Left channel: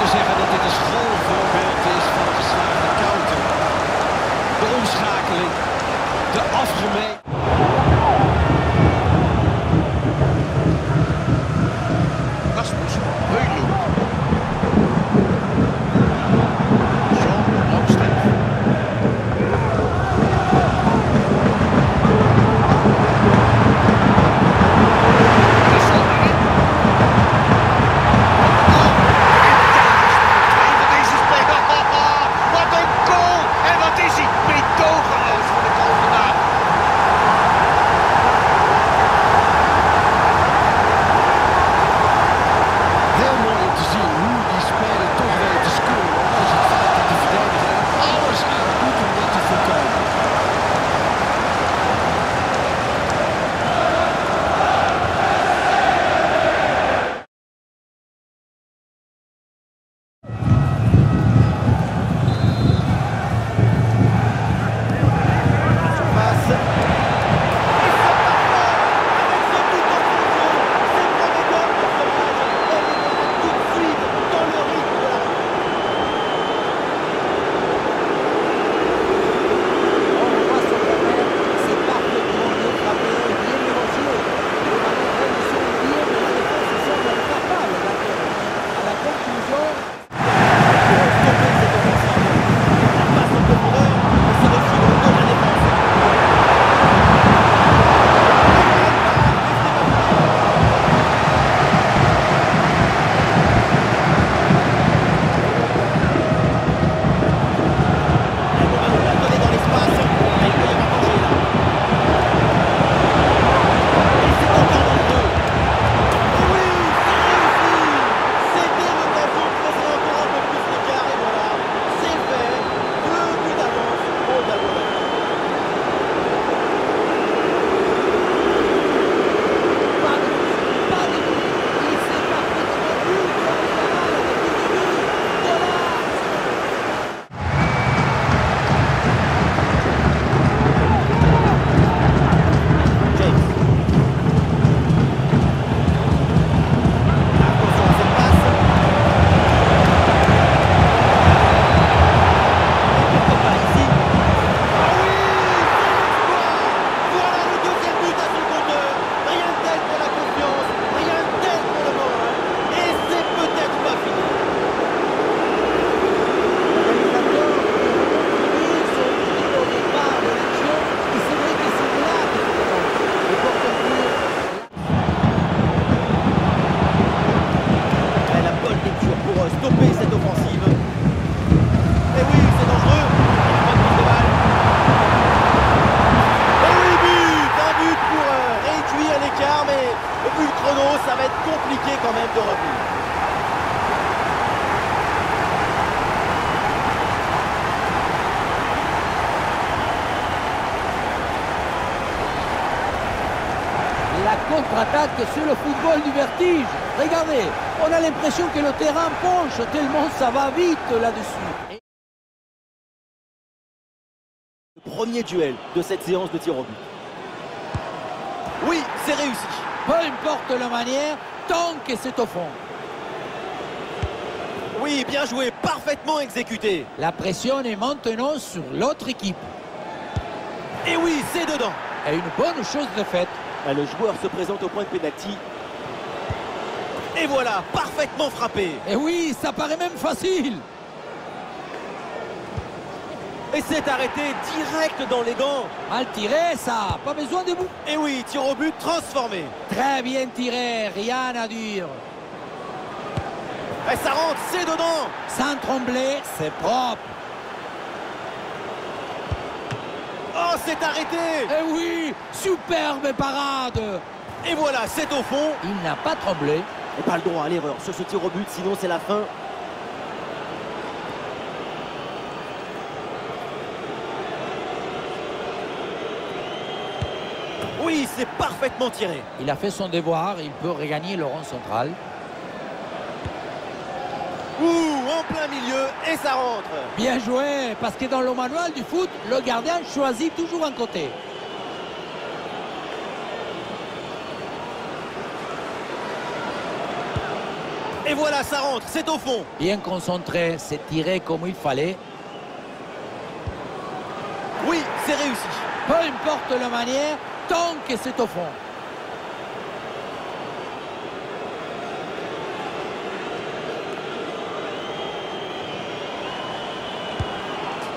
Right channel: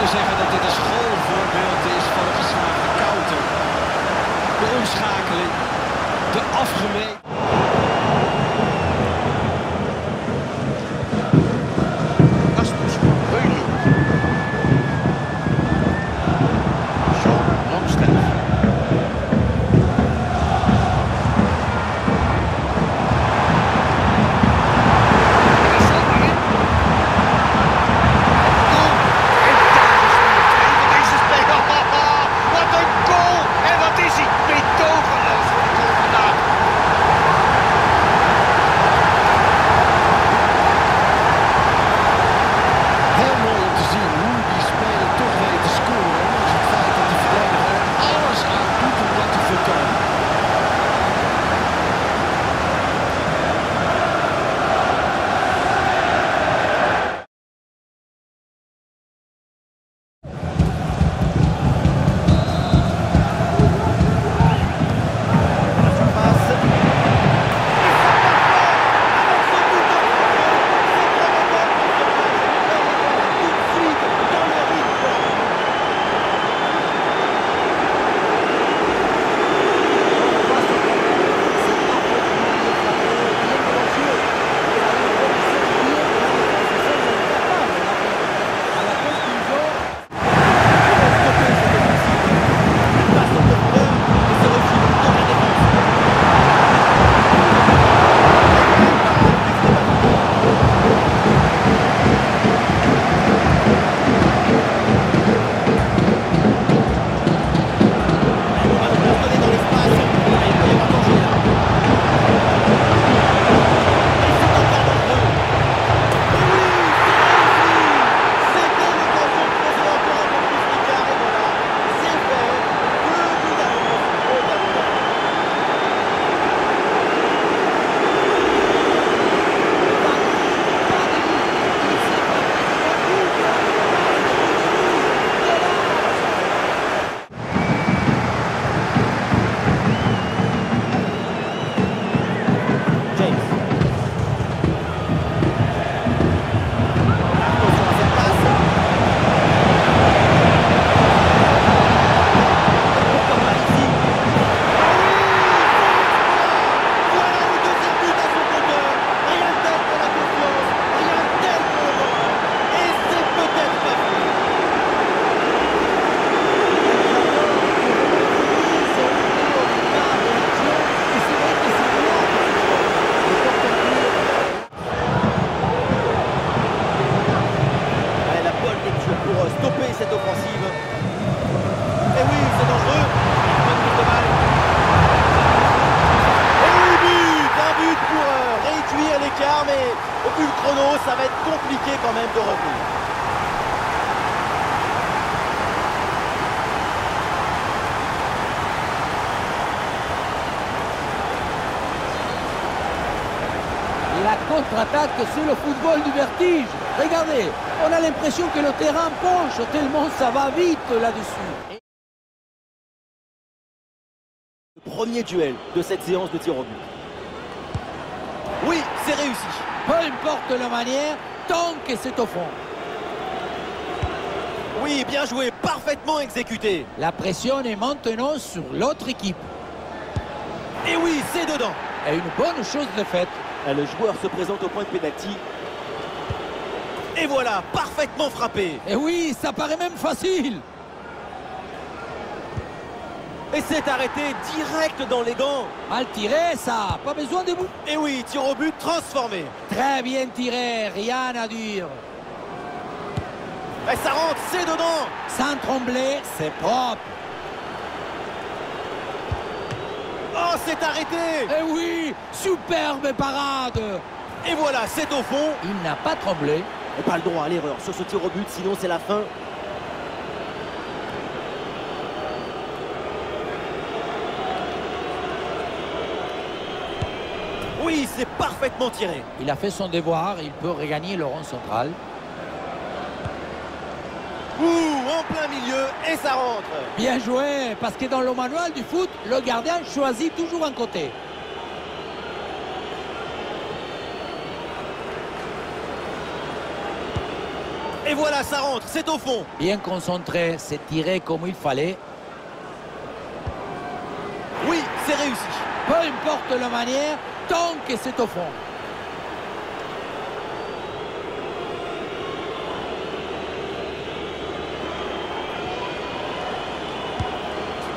kunnen zeggen dat dit een schoolvoorbeeld is van een geslaagde counter. De omschakeling, de afgemeten. Rasmus Højlund. Jean Longstaff. En is zomaar in. En daar is nummer 2 van deze speler. Wat een goal! En wat is hij? Meedogenloos voor de goal vandaag. Heel mooi om te zien hoe die speler toch weet te scoren. Ondanks het feit dat de verdediger er alles aan doet om dat te voorkomen. Stopper cette offensive. Et oui, c'est dangereux. Bonne prise de balle. Et oui, un but pour réduire l'écart, mais vu le chrono, ça va être compliqué quand même de revenir. La contre-attaque, c'est le football du vertige. Regardez, on a l'impression que le terrain penche tellement ça va vite là-dessus. Le premier duel de cette séance de tir au but. Oui, c'est réussi. Peu importe la manière, tant que c'est au fond. Oui, bien joué, parfaitement exécuté. La pression est maintenant sur l'autre équipe. Et oui, c'est dedans. Et une bonne chose de faite. Le joueur se présente au point de pénalty. Et voilà, parfaitement frappé. Et oui, ça paraît même facile. Et c'est arrêté direct dans les gants. Mal tiré, ça. Pas besoin de bout. Et oui, tir au but transformé. Très bien tiré, rien à dire. Et ça rentre, c'est dedans. Sans trembler, c'est propre. Oh, c'est arrêté. Eh oui, superbe parade. Et voilà, c'est au fond. Il n'a pas tremblé. Et pas le droit à l'erreur sur ce tir au but, sinon c'est la fin. Oui, c'est parfaitement tiré. Il a fait son devoir, il peut regagner le rond central. En plein milieu, et ça rentre. Bien joué, parce que dans le manuel du foot, le gardien choisit toujours un côté. Et voilà, ça rentre, c'est au fond. Bien concentré, c'est tiré comme il fallait. Oui, c'est réussi. Peu importe la manière, tant que c'est au fond.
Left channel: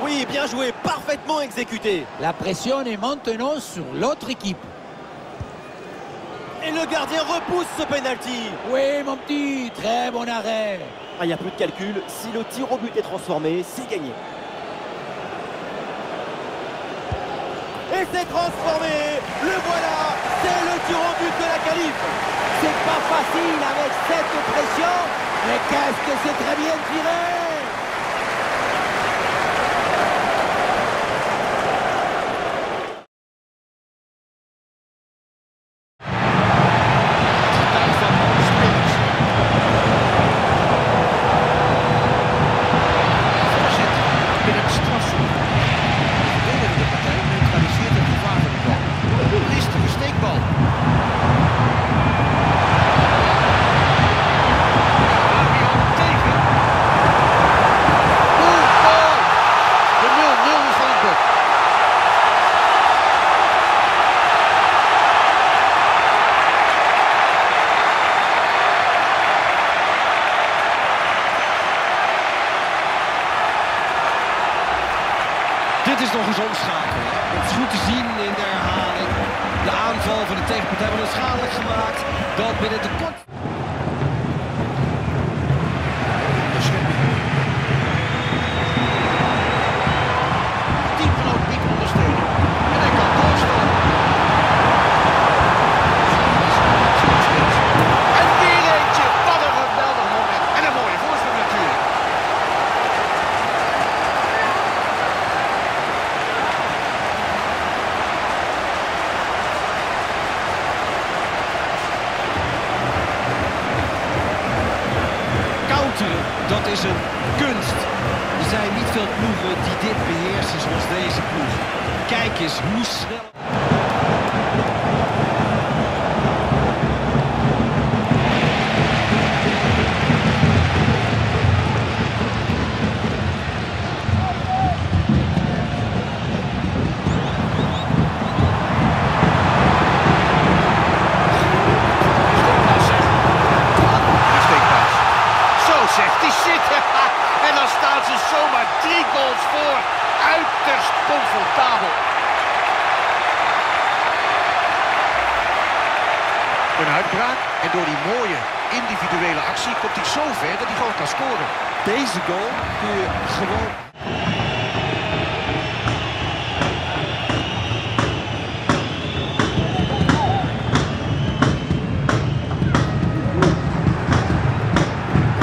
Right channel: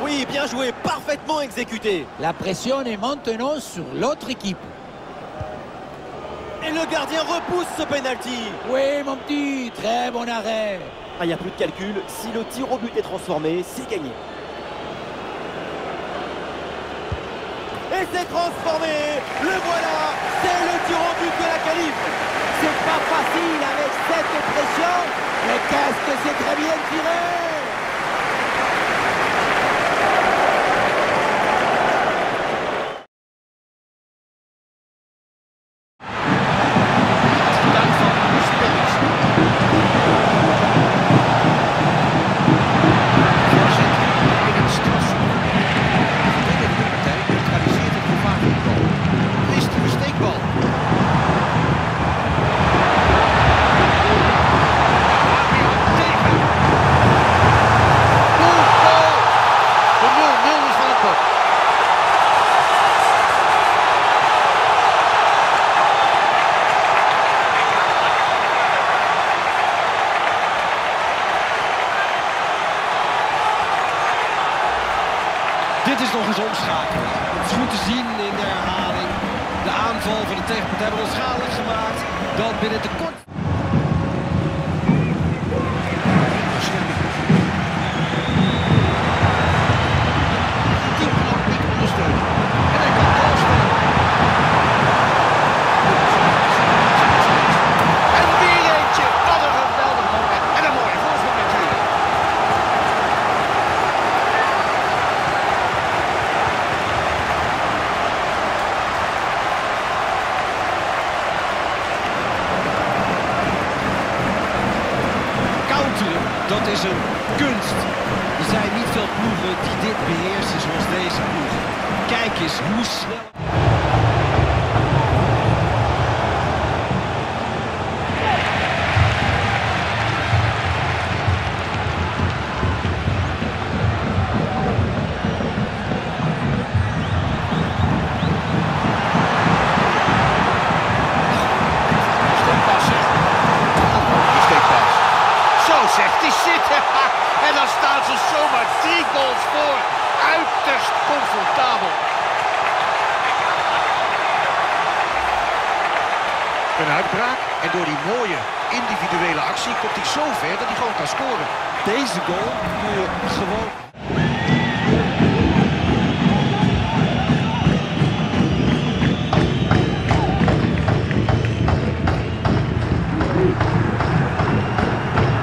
Oui, bien joué, parfaitement exécuté. La pression est maintenant sur l'autre équipe. Et le gardien repousse ce penalty. Oui, mon petit, très bon arrêt. Ah, il n'y a plus de calcul, si le tir au but est transformé, c'est gagné. Et c'est transformé. Le voilà, c'est le tir au but de la qualif. C'est pas facile avec cette pression, mais qu'est-ce que c'est très bien tiré! Getuig van spelers. Voorzet in het strafschopgebied. De verdedigende partij neutraliseert het gevaar van de bal. Een listige steekbal. Ja, weer aan tegen. Goal, goal. De 0-0 is van het bord. Dit is nog eens omschakelen. Het is goed te zien in de herhaling. De aanval van de tegenpartij wordt onschadelijk gemaakt. Dan binnen de kort. Onderschepping. Teamgenoot biedt ondersteuning. En hij kan doorstomen. En weer eentje. Wat een geweldig moment. En een mooie voorsprong natuurlijk. Counteren, dat is een kunst. Er zijn niet veel ploegen die dit beheersen zoals deze ploeg. Kijk eens hoe snel... Steekpas, zeg. Die steekpas. Zo zegt hij zitten. En dan staan ze zomaar 3 goals voor. Uiterst comfortabel. Een uitbraak. En door die mooie individuele actie komt hij zo ver dat hij gewoon kan scoren. Deze goal kun je gewoon...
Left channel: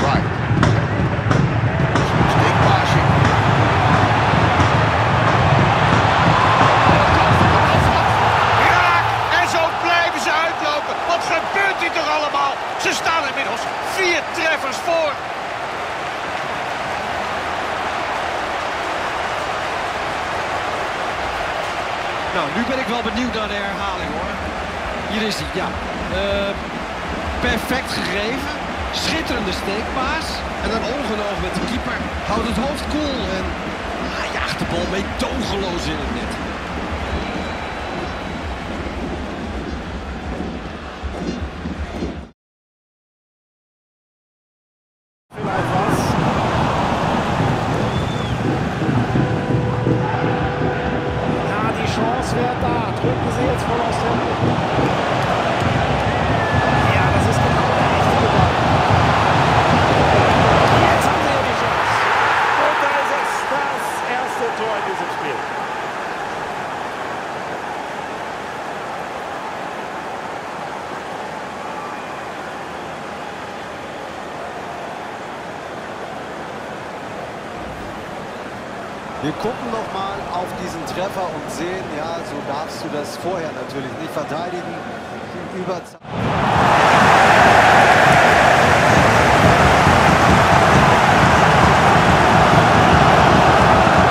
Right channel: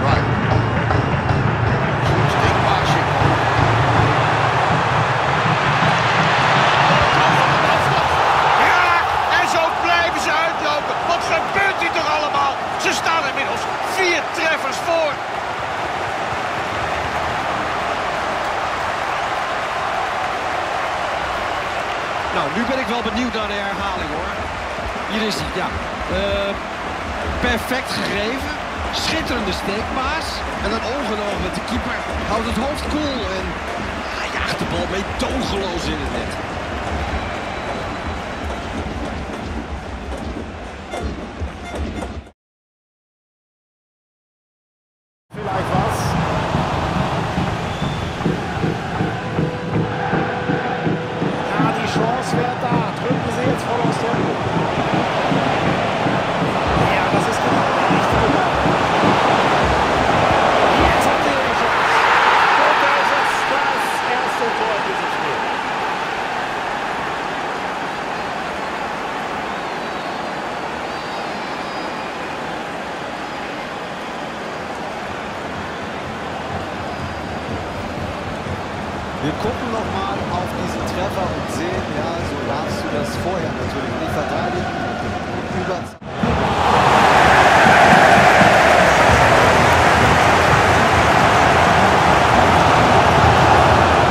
Right. Zo'n steekpaasje. Voorkant van de afstand. Raak! En zo blijven ze uitlopen. Wat gebeurt hier toch allemaal? Ze staan inmiddels 4 treffers voor. Nou, nu ben ik wel benieuwd naar de herhaling, hoor. Hier is hij, ja. Perfect gegeven. Schitterende steekpaas. En dan oog met de keeper. Houdt het hoofd koel en jaagt de bal meedogenloos in het net. Vielleicht was. Ja, die Chance wäre da. Drücken Sie jetzt voll aus Tempo. Ja, das ist genau der richtige Ball. Jetzt haben Sie ja die Chance. Und da ist es das erste Tor in diesem Spiel. Wir gucken nochmal auf diesen Treffer und sehen, ja, so darfst du das vorher natürlich nicht verteidigen. Die Überzahl.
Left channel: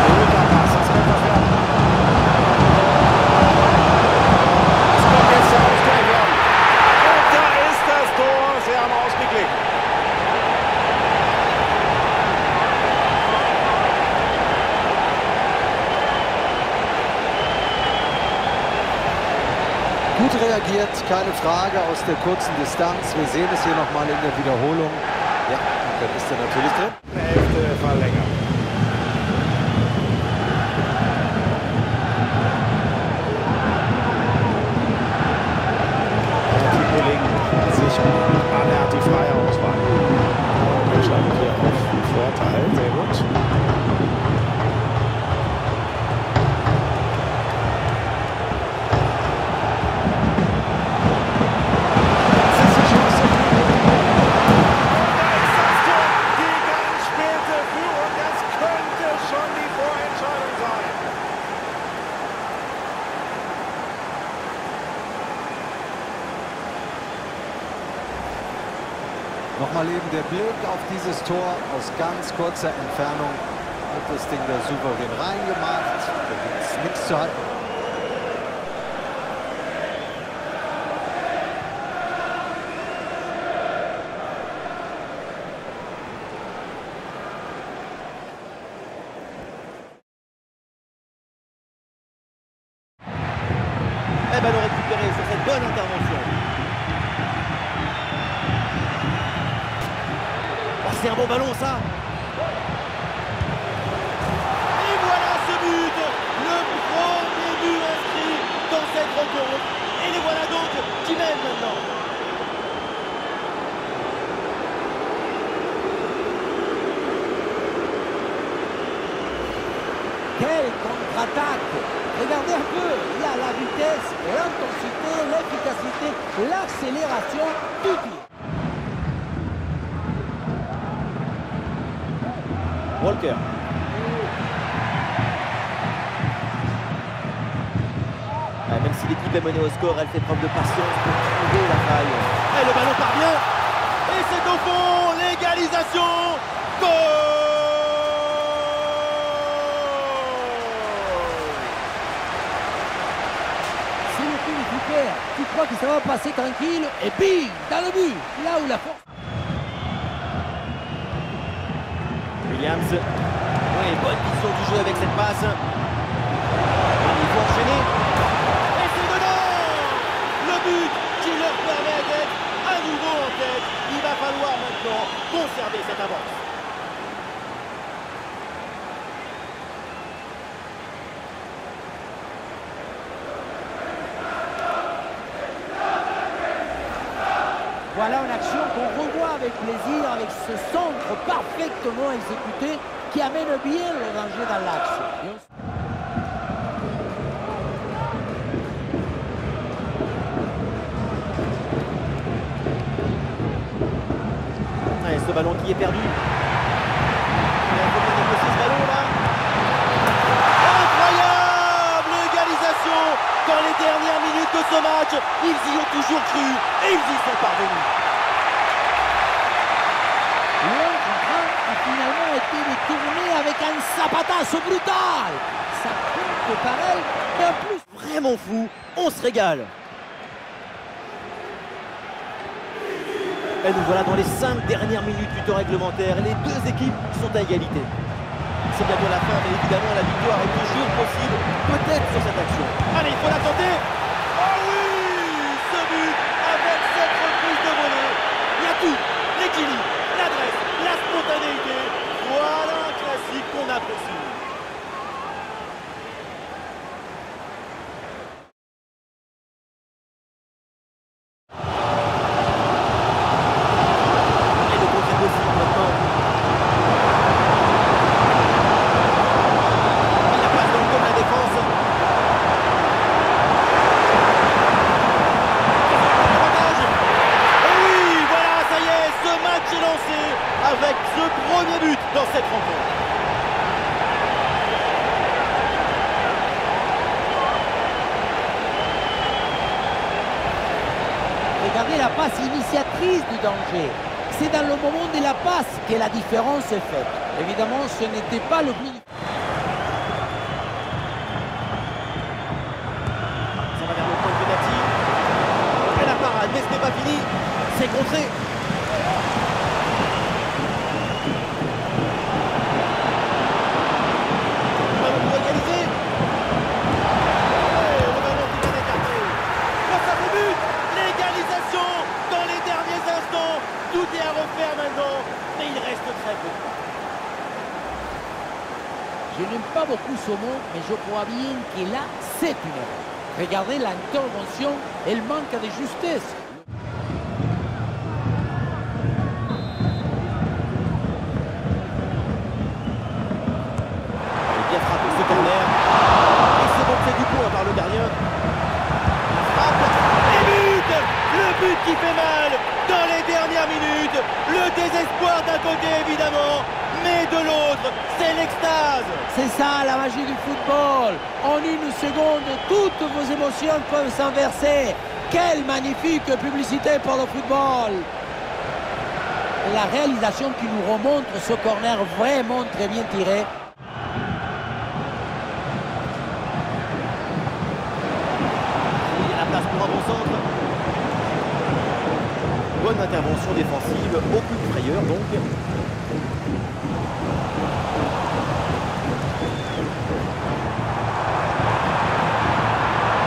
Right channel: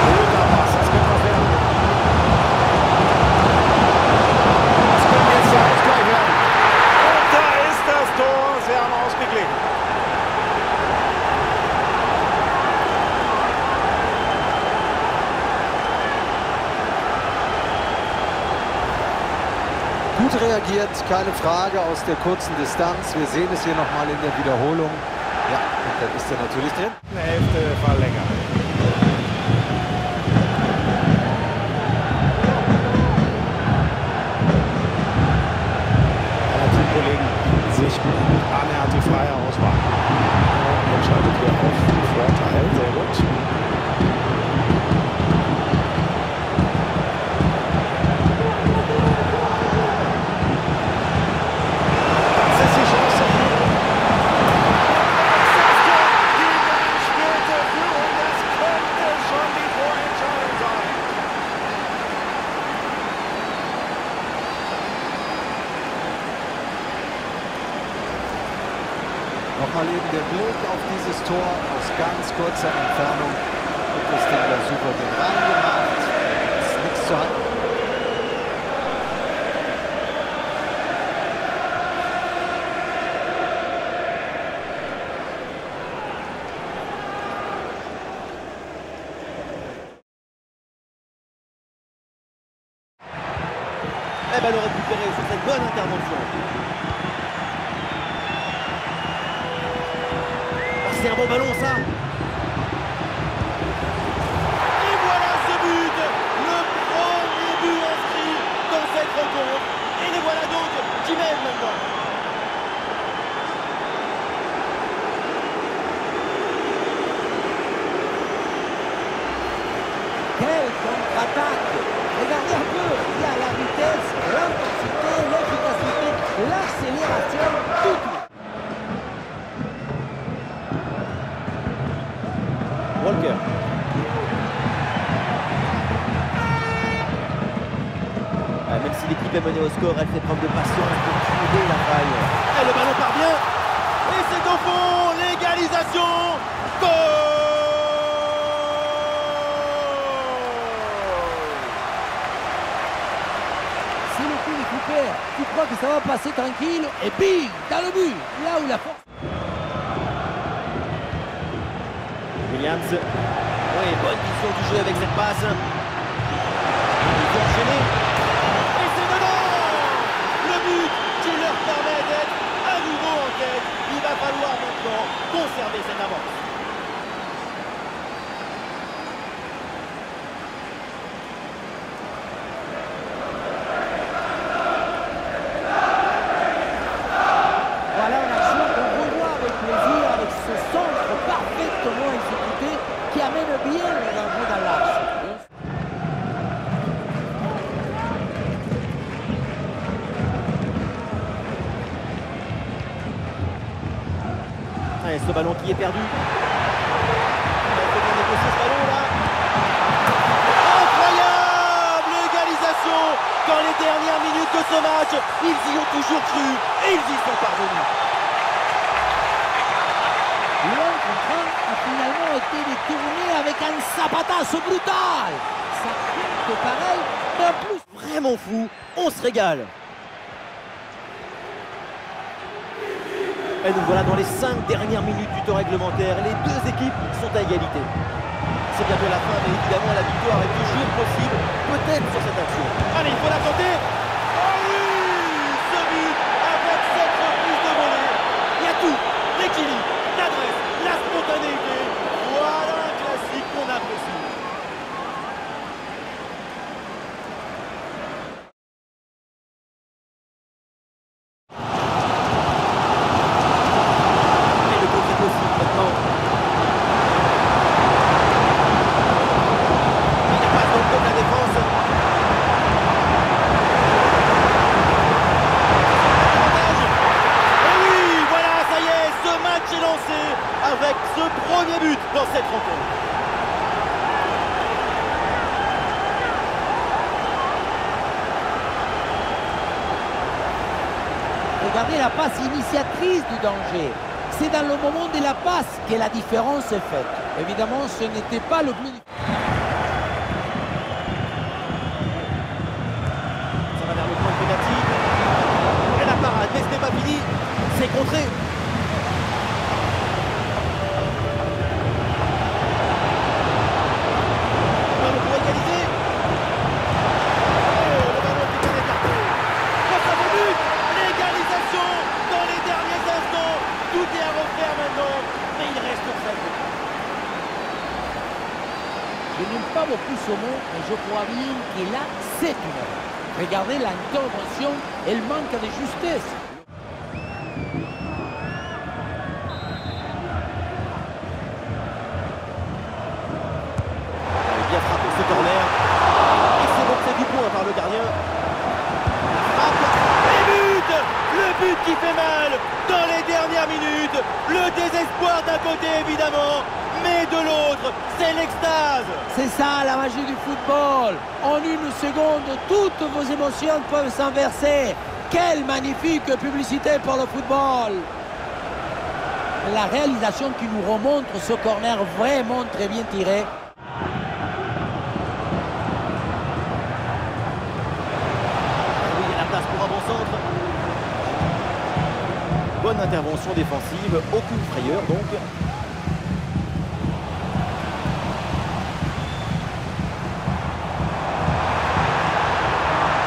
Guter Pass, das könnte was werden. Das könnte jetzt der Ausgleich werden. Und da ist das Tor. Sie haben ausgeglichen. Gut reagiert, keine Frage, aus der kurzen Distanz. Wir sehen es hier nochmal in der Wiederholung. Ja, und dann ist er natürlich drin. Eine Hälfte verlängert. Die Kollegen sich an, er hat die freie Auswahl. Und entscheidet hier auf Vorteil, sehr gut. Nochmal eben der Blick auf dieses Tor aus ganz kurzer Entfernung. Wird das Ding da souverän reingemacht. Da gibt es nichts zu halten. Et ballon récupéré sur cette bonne intervention. Oh, c'est un bon ballon ça. Et voilà ce but, le premier but inscrit dans cette rencontre. Et les voilà donc qui mènent maintenant. Quelle contre-attaque! Regardez un peu, il y a la vitesse, l'intensité, l'efficacité, l'accélération, tout y est. Walker. Même si l'équipe est menée au score, elle fait preuve de patience pour trouver la faille. Et le ballon part bien. Et c'est au fond, l'égalisation. Goal! C'est le coup des Cooper. Tu crois que ça va passer tranquille et bim, dans le but, là où la force. Williams. Oui, bonne vision du jeu avec cette passe. Il faut enchaîner. Et c'est dedans! Le but qui leur permet d'être à nouveau en tête. Il va falloir maintenant conserver cette avance. Voilà une action qu'on revoit avec plaisir, avec ce centre parfaitement exécuté qui amène bien le danger dans l'axe. Allez, ce ballon qui est perdu. Il faut bien négocier ce ballon là. Incroyable égalisation dans les dernières minutes de ce match. Ils y ont toujours cru et ils y sont parvenus. Le 1 contre 1 a finalement été détourné avec un zapatazo brutal. Ça compte pareil, mais en plus... Vraiment fou, on se régale. Et nous voilà dans les 5 dernières minutes du temps réglementaire. Les deux équipes sont à égalité. C'est bientôt la fin, mais évidemment la victoire est toujours possible, peut-être sur cette action. Allez, il faut la tenter. Oh oui, ce but avec cette reprise de volée. Il y a tout, l'équilibre, l'adresse, la spontanéité. Voilà un classique qu'on apprécie. Et le contre est possible maintenant. Il la passe dans le dos de la défense. Avantage. Et oui, voilà, ça y est, ce match est lancé avec ce premier but dans cette rencontre. Regardez la passe initiatrice du danger. C'est dans le moment de la passe que la différence est faite. Évidemment, ce n'était pas le plus... Ça va vers le point de pénalty. Et la parade, mais ce n'est pas fini. C'est contré. Le ballon pour égaliser. Et le ballon qui vient d'écarter. Quoi ça vaut? Tout est à refaire maintenant, mais il reste très peu. Je n'aime pas beaucoup ce mot, mais je crois bien que là, c'est une erreur. Regardez l'intervention, elle manque de justesse. Bien frappé ce corner. Et c'est bon, c'est du point par le gardien. La frappe. Et but! Le but qui fait mal dans les dernières minutes. Le désespoir d'un côté évidemment, mais de l'autre, c'est l'extase. C'est ça la magie du football. En une seconde, toutes vos émotions peuvent s'inverser. Quelle magnifique publicité pour le football! La réalisation qui nous remontre ce corner vraiment très bien tiré. Oui, il y a la place pour un bon centre. Bonne intervention défensive, aucune frayeur donc.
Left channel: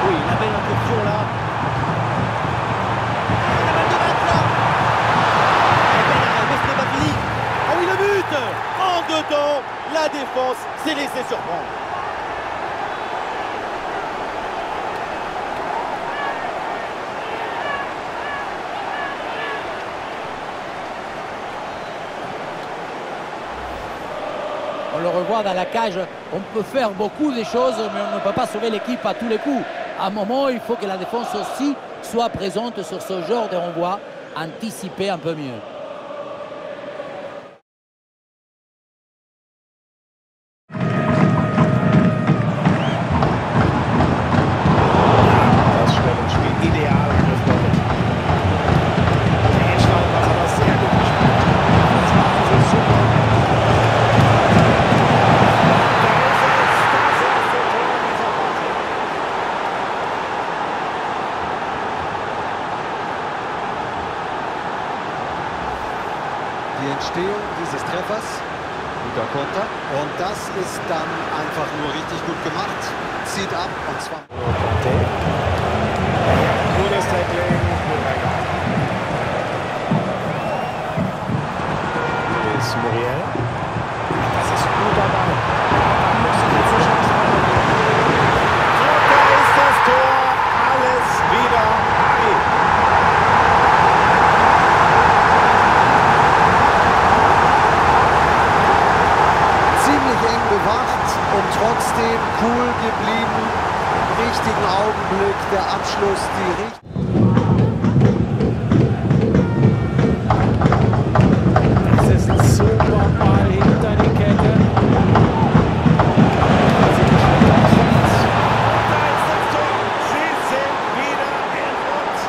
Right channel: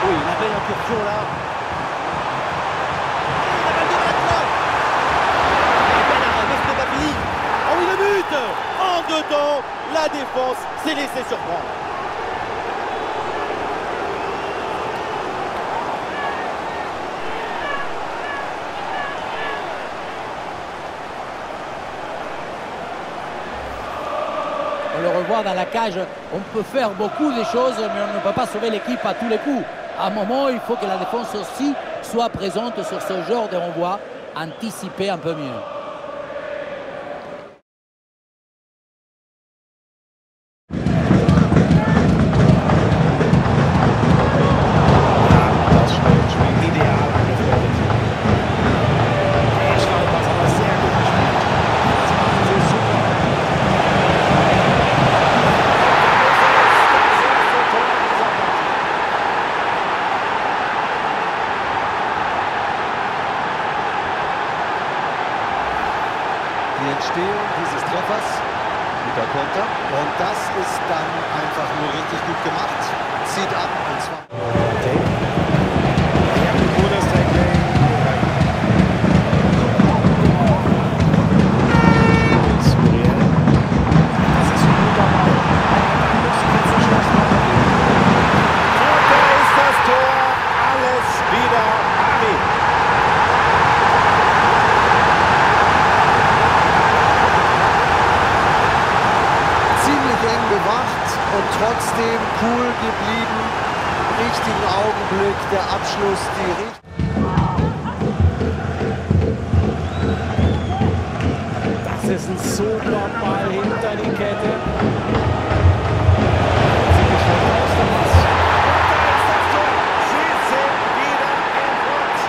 Oui, la belle incursion là. Et la balle de Matt là. Et bel arrêt, mais ce n'est pas fini. Oh oui, le but! En deux temps, la défense s'est laissée surprendre. On le revoit dans la cage, on peut faire beaucoup de choses, mais on ne peut pas sauver l'équipe à tous les coups. À un moment, il faut que la défense aussi soit présente sur ce genre de renvoi, anticiper un peu mieux. Das Stellungsspiel ideal angefährdet. Der Inschlag war aber sehr gut gespielt. Das machen sie super. Das erste Tor dieser Partie. Die Entstehung dieses Treffers, guter Konter. Und das ist dann einfach nur richtig gut gemacht. Zieht ab und zwar... Gutes Tackling. Luis Muriel. Das ist ein guter Ball. Aber dann muss ich jetzt eine Chance weitergeben. Und da ist das Tor. Alles wieder Harry. Ziemlich eng bewacht und trotzdem cool geblieben. Im richtigen Augenblick, der Abschluss, die Das ist ein super Ball hinter die Kette. Sieht nicht schlecht aus. Und da ist das Tor. Sie sind wieder in Front.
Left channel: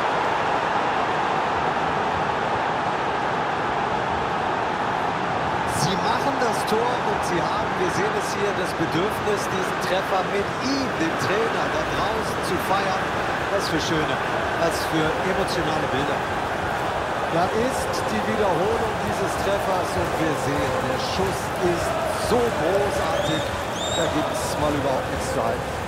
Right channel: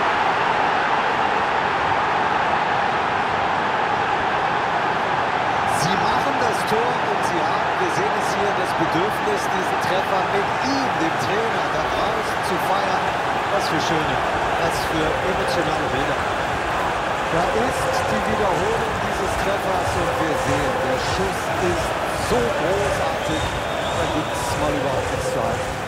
Sie machen das Tor und sie haben, wir sehen es hier, das Bedürfnis, diesen Treffer mit ihm, dem Trainer, da draußen zu feiern. Was für schöne, was für emotionale Bilder. Da ist die Wiederholung dieses Treffers und wir sehen, der Schuss ist so großartig, da gibt es mal überhaupt nichts zu halten.